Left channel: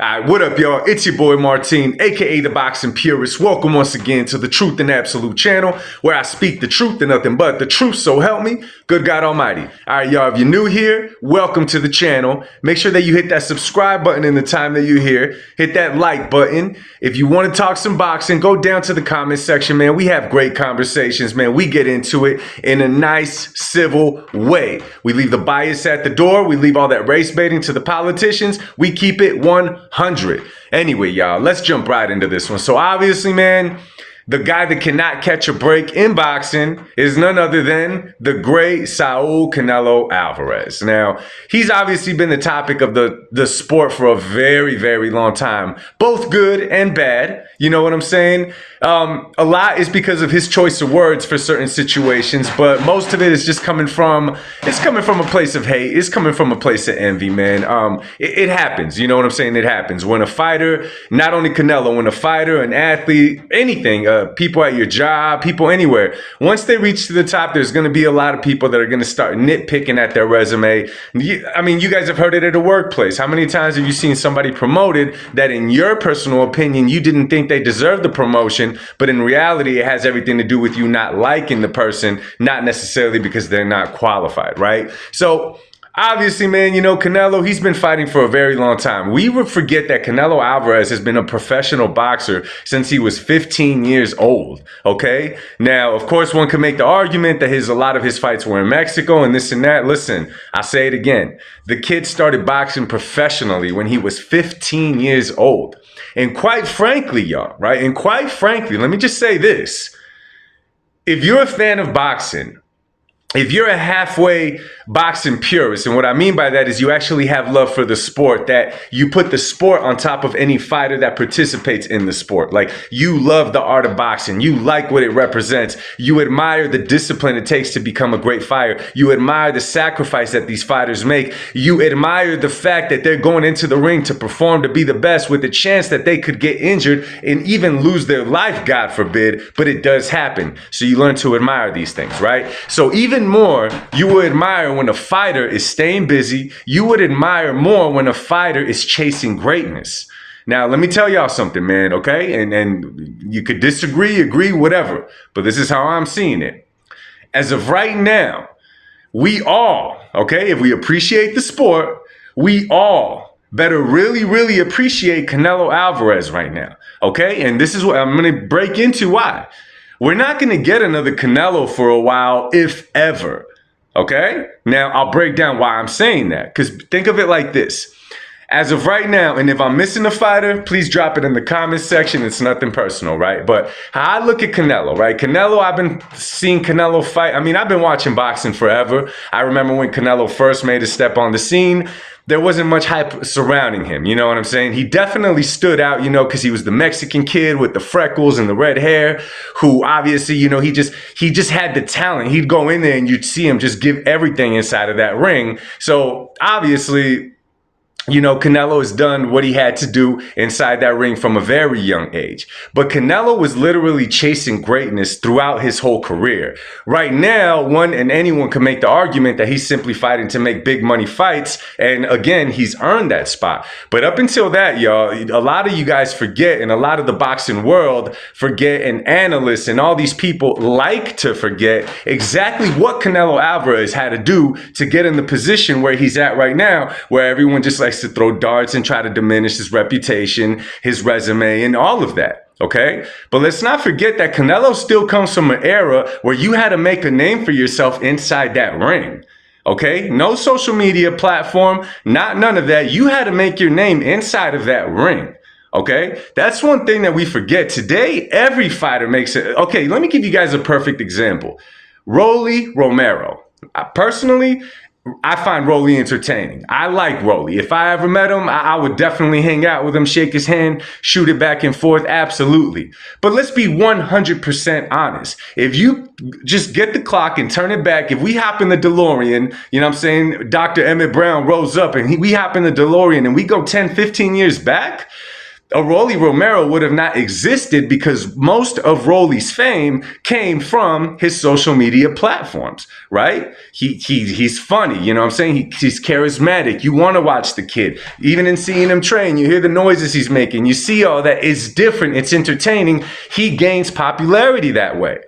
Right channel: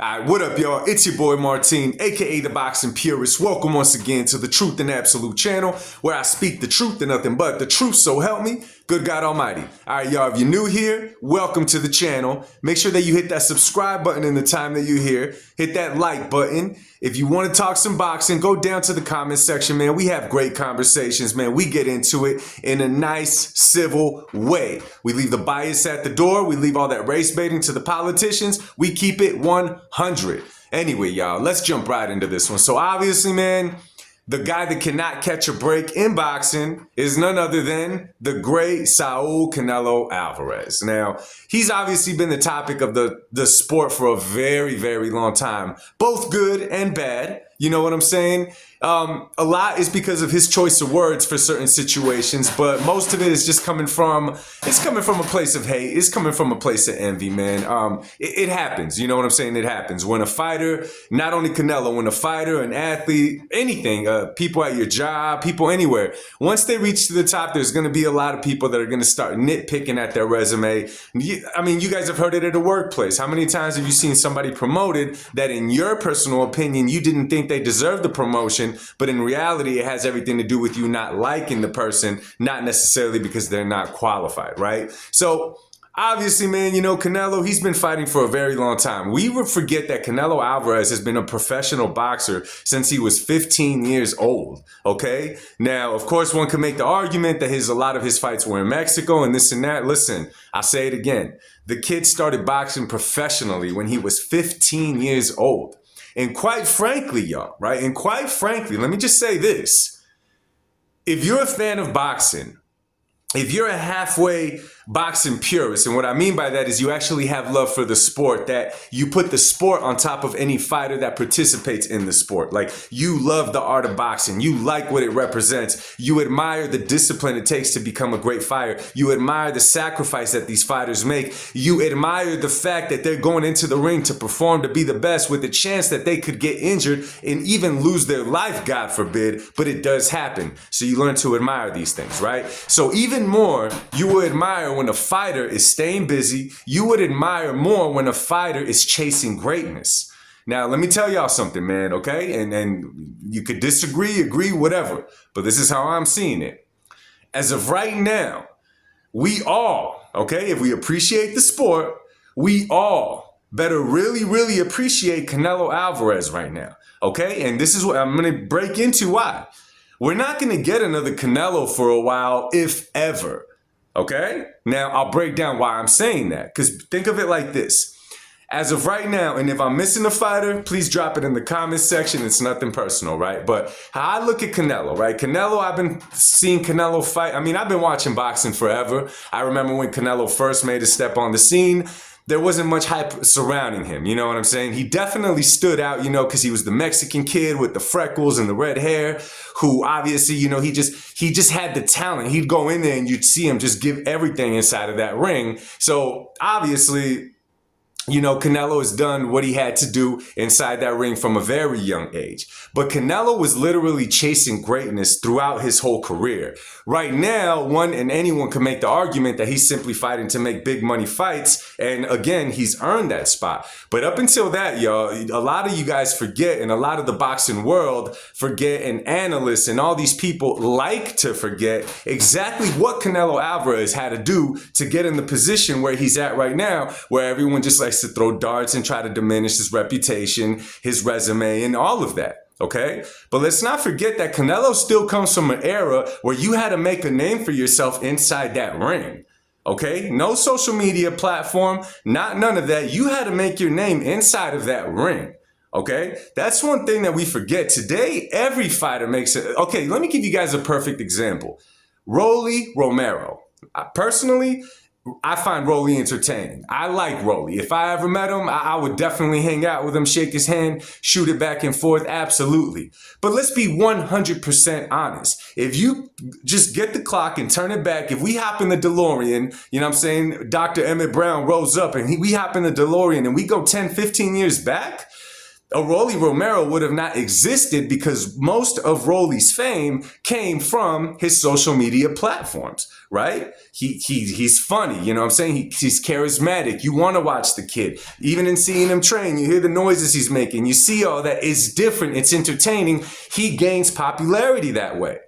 Alright, what up, y'all? It's your boy Martin, aka the Boxing Purist. Welcome once again to the Truth and Absolute channel, where I speak the truth and nothing but the truth, so help me, good God Almighty. Alright, y'all, if you're new here, welcome to the channel. Make sure that you hit that subscribe button in the time that you're here. Hit that like button. If you want to talk some boxing, go down to the comment section, man. We have great conversations, man. We get into it in a nice, civil way. We leave the bias at the door. We leave all that race baiting to the politicians. We keep it 100. Anyway, y'all, let's jump right into this one. So obviously, man, the guy that cannot catch a break in boxing is none other than the great Saul Canelo Alvarez. Now, he's obviously been the topic of the sport for a very, very long time, both good and bad. You know what I'm saying? A lot is because of his choice of words for certain situations, but most of it is just coming from a place of hate. It's coming from a place of envy, man. It happens. You know what I'm saying? It happens. When a fighter, not only Canelo, when a fighter, an athlete, anything, people at your job, people anywhere, once they reach to the top, there's going to be a lot of people that are going to start nitpicking at their resume. I mean, you guys have heard it at a workplace. How many times have you seen somebody promoted that in your personal opinion, you didn't think they deserved the promotion, but in reality, it has everything to do with you not liking the person, not necessarily because they're not qualified, right? So obviously, man, you know, Canelo, he's been fighting for a very long time. We would forget that Canelo Alvarez has been a professional boxer since he was 15 years old, okay? Now, of course, one could make the argument that a lot of his fights were in Mexico and this and that. Listen, I say it again. The kid started boxing professionally when he was 15 years old. And quite frankly, y'all, right? And quite frankly, let me just say this. If you're a fan of boxing, if you're a halfway boxing purist, and what I mean by that is you actually have love for the sport, that you put the sport on top of any fighter that participates in the sport. Like, you love the art of boxing. You like what it represents. You admire the discipline it takes to become a great fighter. You admire the sacrifice that these fighters make. You admire the fact that they're going into the ring to perform, to be the best, with the chance that they could get injured and even lose their life, God forbid, but it does happen. So you learn to admire these things, right? So even more, you will admire when a fighter is staying busy. You would admire more when a fighter is chasing greatness. Now, let me tell y'all something, man, okay? And you could disagree, agree, whatever, but this is how I'm seeing it. As of right now, we all, okay, if we appreciate the sport, we all better really, really appreciate Canelo Alvarez right now, okay? And this is what I'm going to break into why. We're not going to get another Canelo for a while, if ever, okay? Now, I'll break down why I'm saying that, because think of it like this. As of right now, and if I'm missing a fighter, please drop it in the comments section. It's nothing personal, right? But how I look at Canelo, right? Canelo, I've been seeing Canelo fight. I mean, I've been watching boxing forever. I remember when Canelo first made a step on the scene. There wasn't much hype surrounding him, you know what I'm saying? He definitely stood out, you know, because he was the Mexican kid with the freckles and the red hair, who obviously, you know, he just had the talent. He'd go in there and you'd see him just give everything inside of that ring. So obviously, you know, Canelo has done what he had to do inside that ring from a very young age. But Canelo was literally chasing greatness throughout his whole career. Right now, anyone can make the argument that he's simply fighting to make big money fights. And again, he's earned that spot. But up until that, y'all, a lot of you guys forget, and a lot of the boxing world forget, and analysts and all these people like to forget exactly what Canelo Alvarez had to do to get in the position where he's at right now, where everyone just likes to throw darts and try to diminish his reputation, his resume, and all of that, okay? But let's not forget that Canelo still comes from an era where you had to make a name for yourself inside that ring, okay? No social media platform, none of that. You had to make your name inside of that ring, okay? That's one thing that we forget. Today, every fighter makes it. Okay, let me give you guys a perfect example. Rolly Romero. Personally, I find Rolly entertaining. I like Rolly. If I ever met him, I would definitely hang out with him, shake his hand, shoot it back and forth. Absolutely. But let's be 100% honest. If you just get the clock and turn it back, if we hop in the DeLorean, you know what I'm saying? Dr. Emmett Brown rose up and we hop in the DeLorean and we go 10, 15 years back. a Rolly Romero would have not existed because most of Rolly's fame came from his social media platforms, right? He's funny, you know what I'm saying? He's charismatic. You want to watch the kid. Even in seeing him train, you hear the noises he's making. You see all that. It's different. It's entertaining. He gains popularity that way.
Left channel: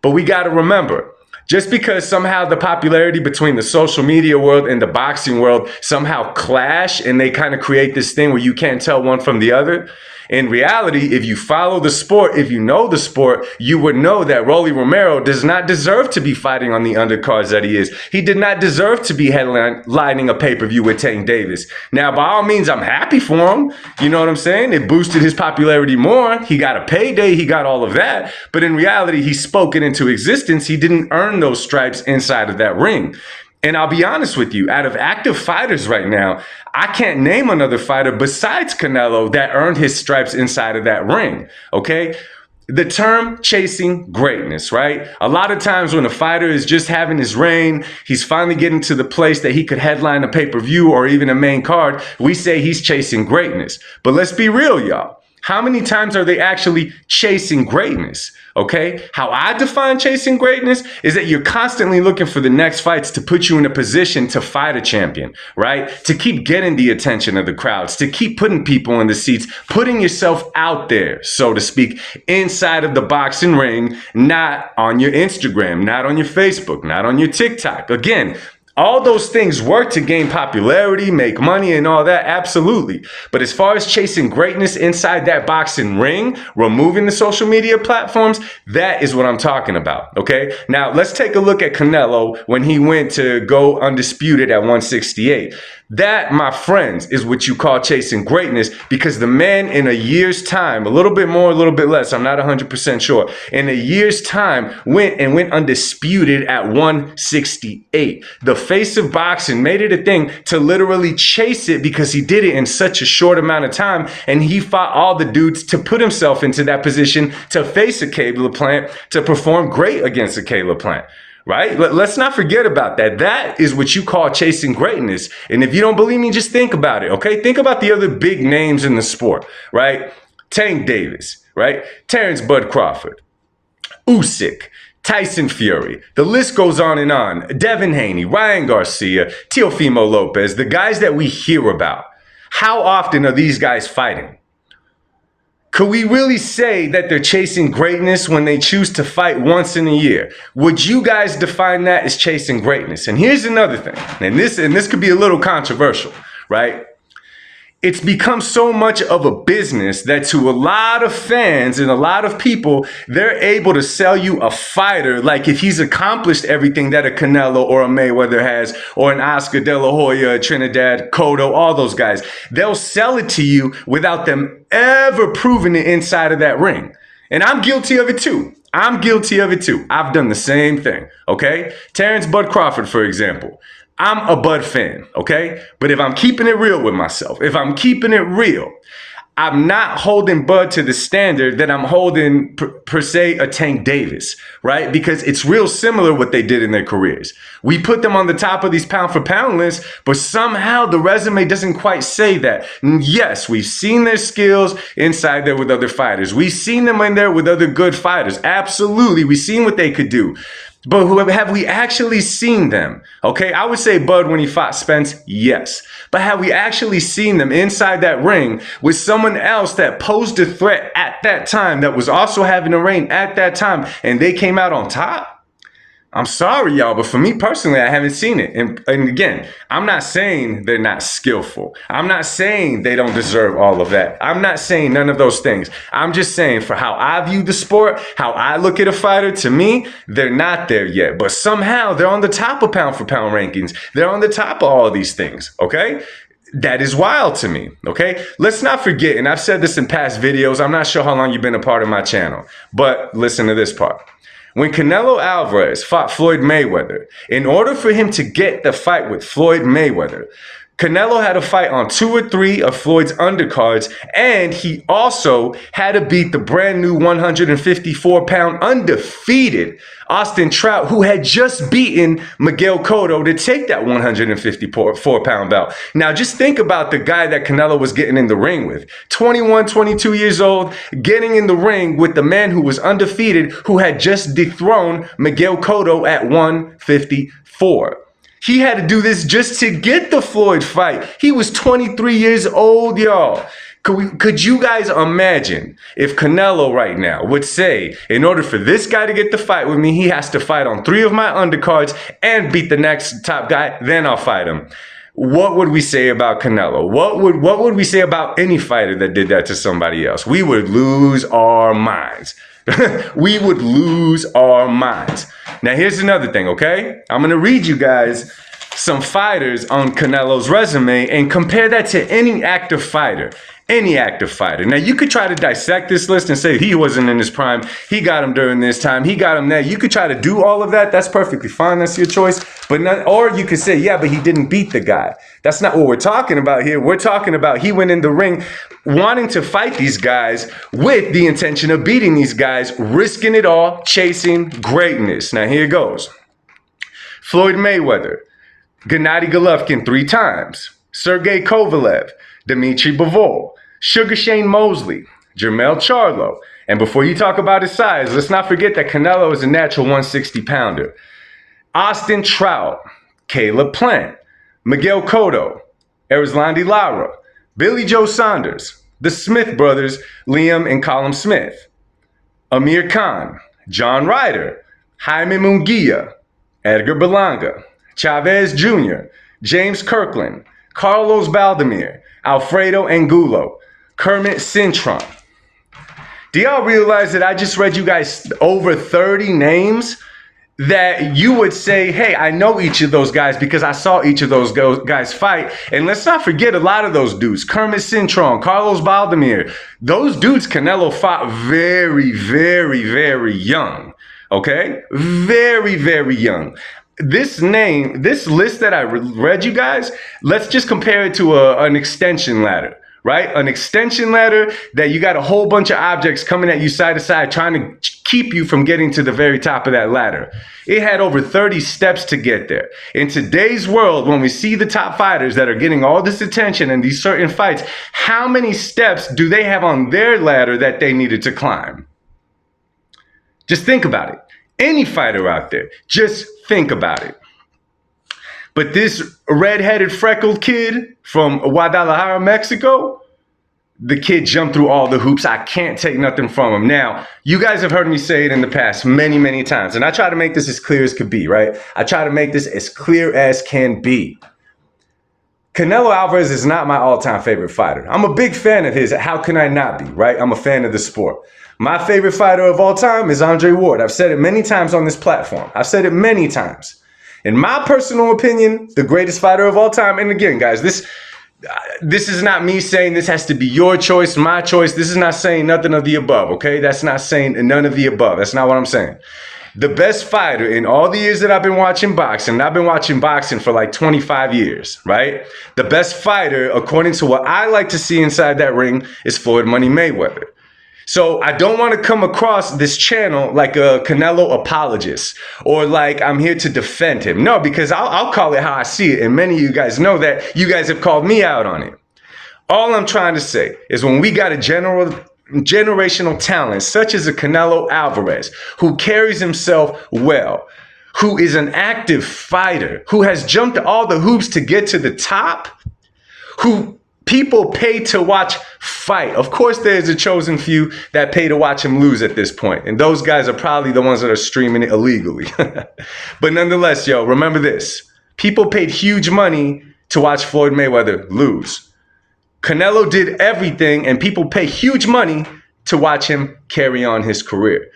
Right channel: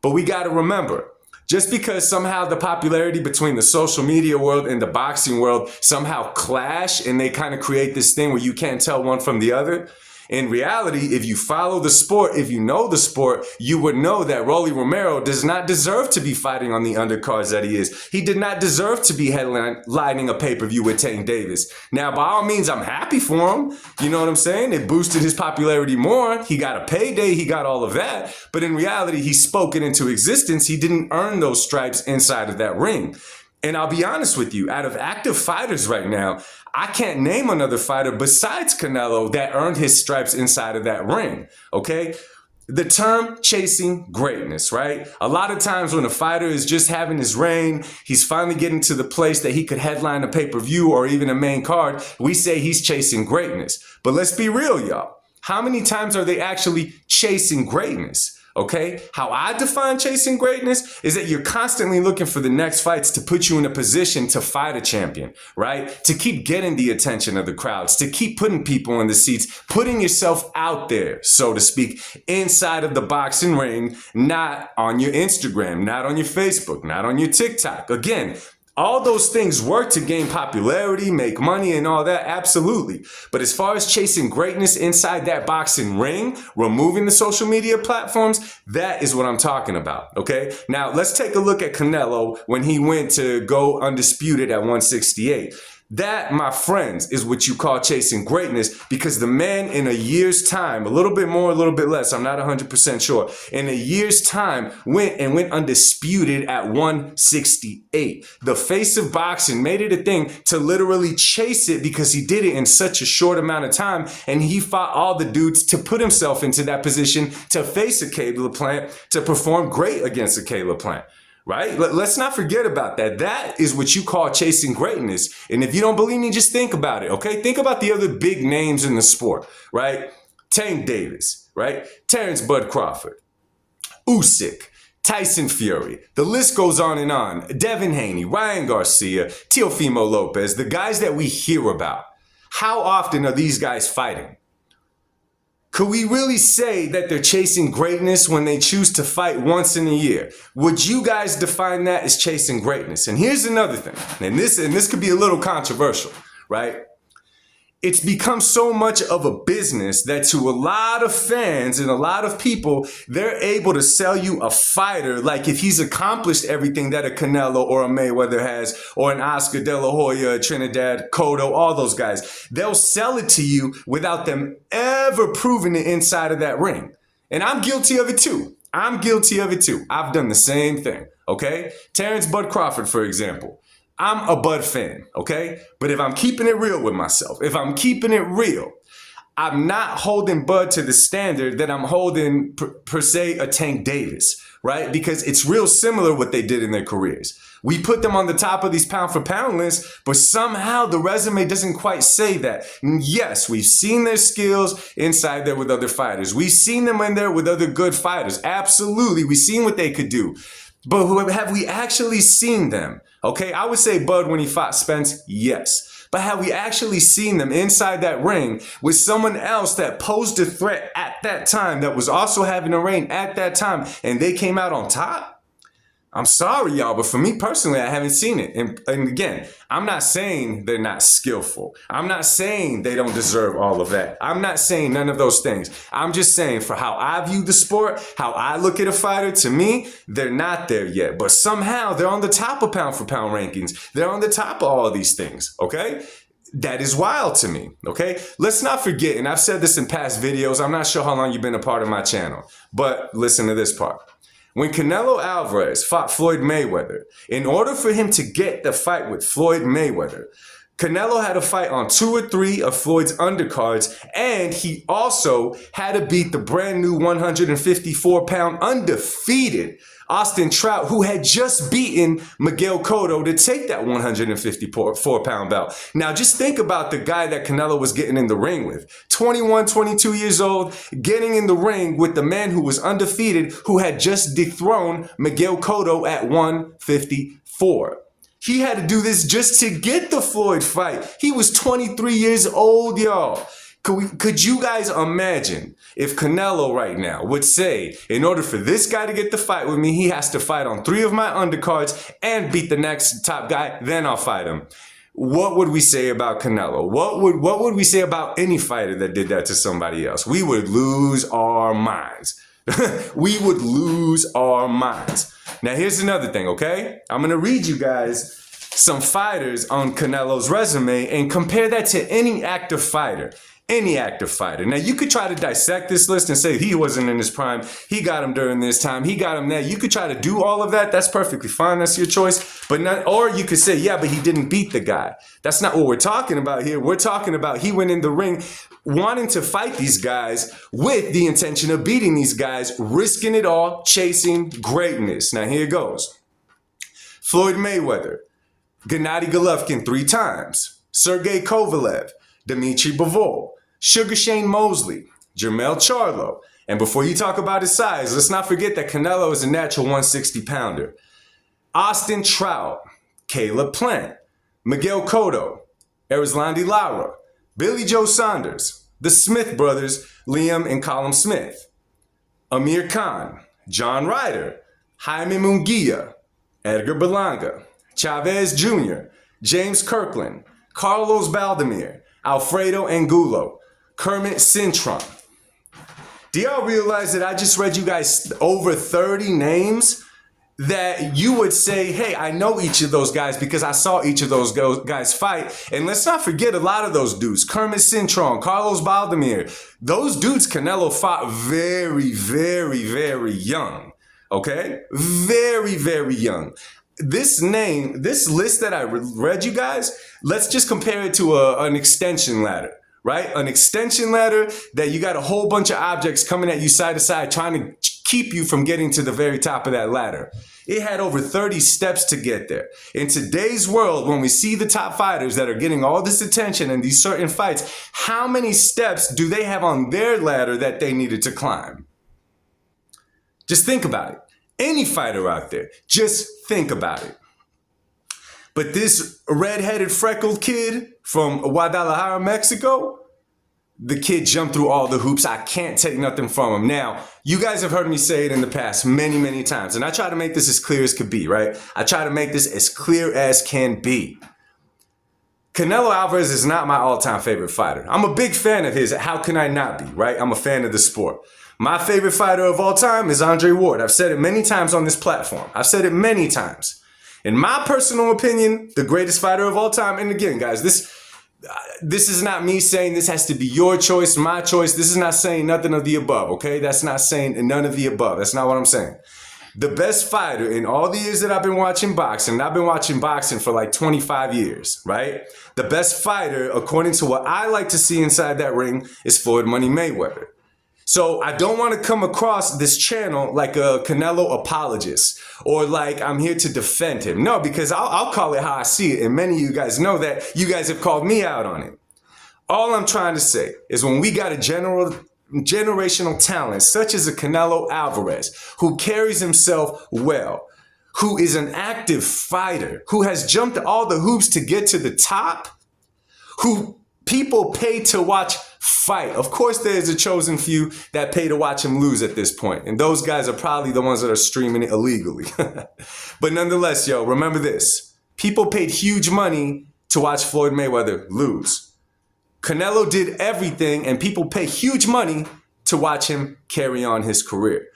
But we got to remember, just because somehow the popularity between the social media world and the boxing world somehow clash and they kind of create this thing where you can't tell one from the other, in reality, if you follow the sport, if you know the sport, you would know that Rolly Romero does not deserve to be fighting on the undercards that he is. He did not deserve to be headlining a pay-per-view with Tank Davis. Now, by all means, I'm happy for him. You know what I'm saying? It boosted his popularity more. He got a payday. He got all of that. But in reality, he spoke it into existence. He didn't earn those stripes inside of that ring. And I'll be honest with you, out of active fighters right now, I can't name another fighter besides Canelo that earned his stripes inside of that ring, okay? The term chasing greatness, right? A lot of times when a fighter is just having his reign, he's finally getting to the place that he could headline a pay-per-view or even a main card, we say he's chasing greatness. But let's be real, y'all. How many times are they actually chasing greatness? Okay, how I define chasing greatness is that you're constantly looking for the next fights to put you in a position to fight a champion, right? To keep getting the attention of the crowds, to keep putting people in the seats, putting yourself out there, so to speak, inside of the boxing ring, not on your Instagram, not on your Facebook, not on your TikTok. Again, all those things work to gain popularity, make money, and all that, absolutely. But as far as chasing greatness inside that boxing ring, removing the social media platforms, that is what I'm talking about, okay? Now, let's take a look at Canelo when he went to go undisputed at 168. That, my friends, is what you call chasing greatness, because the man in a year's time, a little bit more, a little bit less, I'm not 100% sure, in a year's time went undisputed at 168. The face of boxing made it a thing to literally chase it because he did it in such a short amount of time, and he fought all the dudes to put himself into that position to face a Caleb Plant, to perform great against a Caleb Plant. Right? Let's not forget about that. That is what you call chasing greatness. And if you don't believe me, just think about it, okay? Think about the other big names in the sport, right? Tank Davis, right? Terrence Bud Crawford, Usyk, Tyson Fury. The list goes on and on. Devin Haney, Ryan Garcia, Teofimo Lopez, the guys that we hear about. How often are these guys fighting? Could we really say that they're chasing greatness when they choose to fight once in a year? Would you guys define that as chasing greatness? And here's another thing, and this could be a little controversial, right? It's become so much of a business that to a lot of fans and a lot of people, they're able to sell you a fighter like if he's accomplished everything that a Canelo or a Mayweather has, or an Oscar De La Hoya, a Trinidad, Cotto, all those guys. They'll sell it to you without them ever proving it inside of that ring. And I'm guilty of it too. I've done the same thing, okay? Terrence Bud Crawford, for example. I'm a Bud fan, okay? But if I'm keeping it real with myself, I'm not holding Bud to the standard that I'm holding per se a Tank Davis, right? Because it's real similar what they did in their careers. We put them on the top of these pound for pound lists, but somehow the resume doesn't quite say that. Yes, we've seen their skills inside there with other fighters. We've seen them in there with other good fighters. Absolutely, we've seen what they could do. But have we actually seen them? Okay, I would say Bud when he fought Spence, yes. But have we actually seen them inside that ring with someone else that posed a threat at that time, that was also having a reign at that time, and they came out on top? I'm sorry, y'all, but for me personally, I haven't seen it. And again, I'm not saying they're not skillful. I'm not saying they don't deserve all of that. I'm not saying none of those things. I'm just saying for how I view the sport, how I look at a fighter, to me, they're not there yet. But somehow they're on the top of pound for pound rankings. They're on the top of all of these things, okay? That is wild to me, okay? Let's not forget, and I've said this in past videos, I'm not sure how long you've been a part of my channel, but listen to this part. When Canelo Alvarez fought Floyd Mayweather, in order for him to get the fight with Floyd Mayweather, Canelo had to fight on 2 or 3 of Floyd's undercards, and he also had to beat the brand new 154-pound undefeated Austin Trout, who had just beaten Miguel Cotto to take that 154-pound belt. Now, just think about the guy that Canelo was getting in the ring with. 21, 22 years old, getting in the ring with the man who was undefeated, who had just dethroned Miguel Cotto at 154. He had to do this just to get the Floyd fight. He was 23 years old, y'all. Could you guys imagine if Canelo right now would say, in order for this guy to get the fight with me, he has to fight on 3 of my undercards and beat the next top guy, then I'll fight him. What would we say about Canelo? What would we say about any fighter that did that to somebody else? We would lose our minds. We would lose our minds. Now, here's another thing, okay? I'm going to read you guys some fighters on Canelo's resume and compare that to any active fighter. Any active fighter. Now, you could try to dissect this list and say he wasn't in his prime. He got him during this time. He got him there. You could try to do all of that. That's perfectly fine. That's your choice. Or you could say, yeah, but he didn't beat the guy. That's not what we're talking about here. We're talking about he went in the ring wanting to fight these guys with the intention of beating these guys, risking it all, chasing greatness. Now, here goes. Floyd Mayweather, Gennady Golovkin 3 times, Sergey Kovalev, Dmitry Bivol, Sugar Shane Mosley, Jermell Charlo. And before you talk about his size, let's not forget that Canelo is a natural 160-pounder. Austin Trout, Caleb Plant, Miguel Cotto, Erislandy Lara, Billy Joe Saunders, the Smith brothers, Liam and Colin Smith, Amir Khan, John Ryder, Jaime Munguia, Edgar Berlanga, Chavez Jr., James Kirkland, Carlos Baldemir, Alfredo Angulo, Kermit Cintron. Do y'all realize that I just read you guys over 30 names that you would say, hey, I know each of those guys because I saw each of those guys fight. And let's not forget a lot of those dudes. Kermit Cintron, Carlos Baldemir. Those dudes Canelo fought very, very, very young. Okay? Very, very young. This list that I read you guys, let's just compare it to an extension ladder, right? An extension ladder that you got a whole bunch of objects coming at you side to side, trying to keep you from getting to the very top of that ladder. It had over 30 steps to get there. In today's world, when we see the top fighters that are getting all this attention in these certain fights, how many steps do they have on their ladder that they needed to climb? Just think about it. Any fighter out there, just think about it. But this red-headed freckled kid from Guadalajara, Mexico, the kid jumped through all the hoops. I can't take nothing from him. Now, you guys have heard me say it in the past many, many times, and I try to make this as clear as could be, right? I try to make this as clear as can be. Canelo Alvarez is not my all-time favorite fighter. I'm a big fan of his. How can I not be, right? I'm a fan of the sport. My favorite fighter of all time is Andre Ward. I've said it many times on this platform. I've said it many times. In my personal opinion, the greatest fighter of all time. And again, guys, this is not me saying this has to be your choice, my choice. This is not saying nothing of the above, okay? That's not saying none of the above. That's not what I'm saying. The best fighter in all the years that I've been watching boxing, and I've been watching boxing for like 25 years, right? The best fighter, according to what I like to see inside that ring, is Floyd Money Mayweather. So I don't want to come across this channel like a Canelo apologist or like I'm here to defend him. No, because I'll call it how I see it. And many of you guys know that. You guys have called me out on it. All I'm trying to say is when we got a generational talent such as a Canelo Alvarez who carries himself well, who is an active fighter, who has jumped all the hoops to get to the top, who people pay to watch fight. Of course, there's a chosen few that pay to watch him lose at this point. And those guys are probably the ones that are streaming it illegally. But nonetheless, yo, remember this. People paid huge money to watch Floyd Mayweather lose. Canelo did everything, and people pay huge money to watch him carry on his career.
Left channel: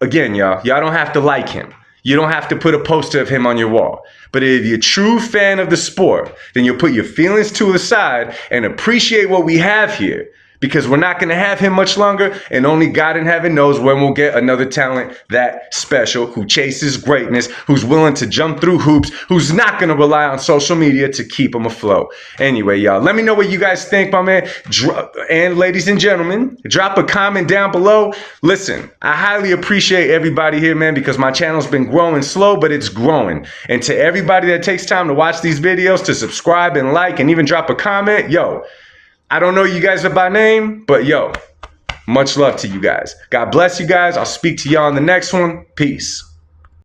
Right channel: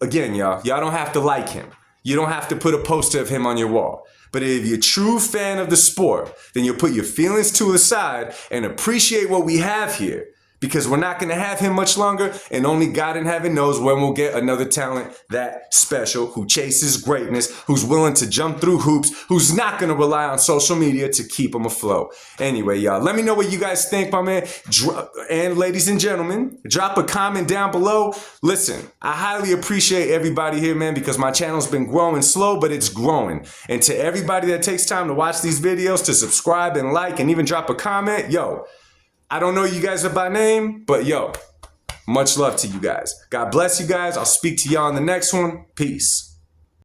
Again, y'all don't have to like him. You don't have to put a poster of him on your wall. But if you're a true fan of the sport, then you'll put your feelings to the side and appreciate what we have here. because we're not going to have him much longer, and only God in heaven knows when we'll get another talent that special, who chases greatness, who's willing to jump through hoops, who's not going to rely on social media to keep him afloat. Anyway, y'all, let me know what you guys think, my man. And ladies and gentlemen, drop a comment down below. Listen, I highly appreciate everybody here, man, because my channel's been growing slow, but it's growing. And to everybody that takes time to watch these videos, to subscribe and like and even drop a comment, yo, I don't know you guys by name, but yo, much love to you guys. God bless you guys. I'll speak to y'all in the next one. Peace.